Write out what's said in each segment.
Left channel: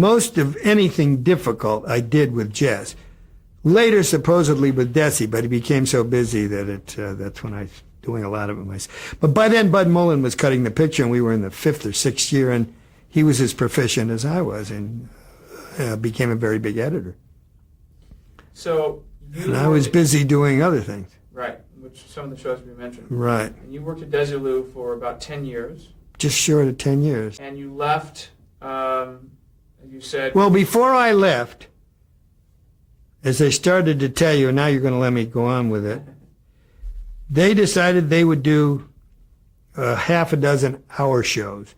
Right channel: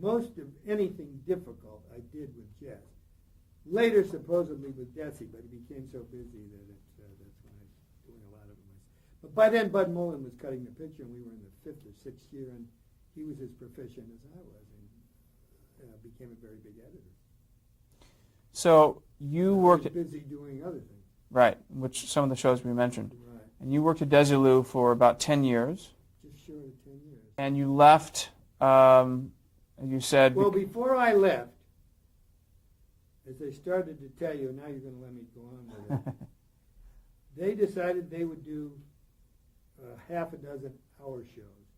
Most of anything difficult I did with Jess. Later, supposedly with Desi, but he became so busy that that's when I was doing a lot of it myself. But by then, Bud Mullen was cutting the picture, and we were in the 5th or 6th year, and he was as proficient as I was, and became a very big editor. So and I was busy doing other things. Right, which some of the shows we mentioned. Right. And you worked at Desilu for about 10 years. Just short of 10 years. And you left, you said... Well, before I left, as I started to tell you, and now you're going to let me go on with it, they decided they would do half a dozen hour shows,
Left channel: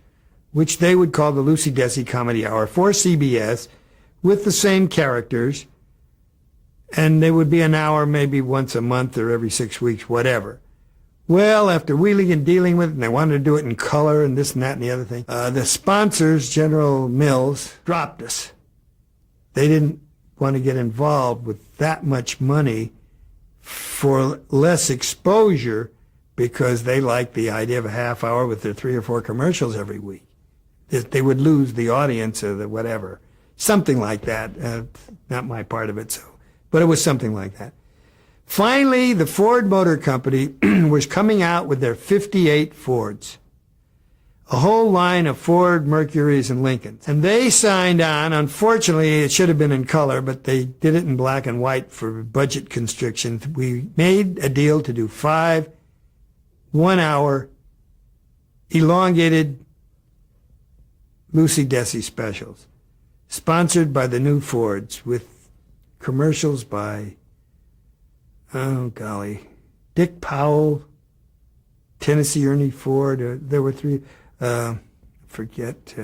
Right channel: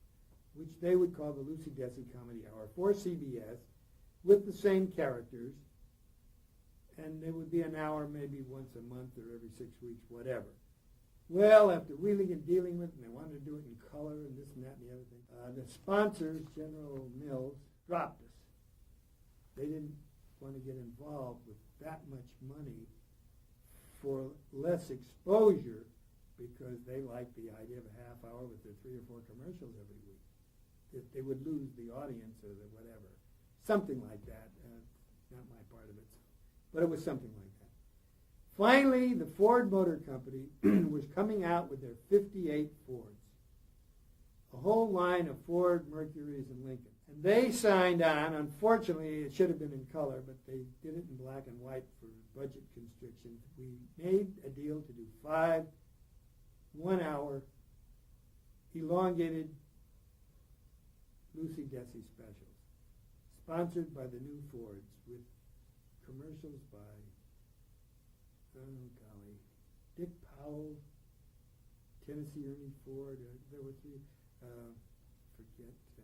which they would call the Lucy Desi Comedy Hour for CBS, with the same characters, and they would be an hour maybe once a month or every 6 weeks, whatever. Well, after wheeling and dealing with it, and they wanted to do it in color and this and that and the other thing, the sponsors, General Mills, dropped us. They didn't want to get involved with that much money for less exposure because they liked the idea of a half hour with their 3 or 4 commercials every week. They would lose the audience or the whatever. Something like that. Not my part of it, so. But it was something like that. Finally, the Ford Motor Company was coming out with their 58 Fords. A whole line of Ford, Mercurys, and Lincolns. And they signed on. Unfortunately, it should have been in color, but they did it in black and white for budget constrictions. We made a deal to do 5 one-hour elongated Lucy Desi specials, sponsored by the new Fords, with commercials by, oh golly, Dick Powell, Tennessee Ernie Ford. There were 3, forget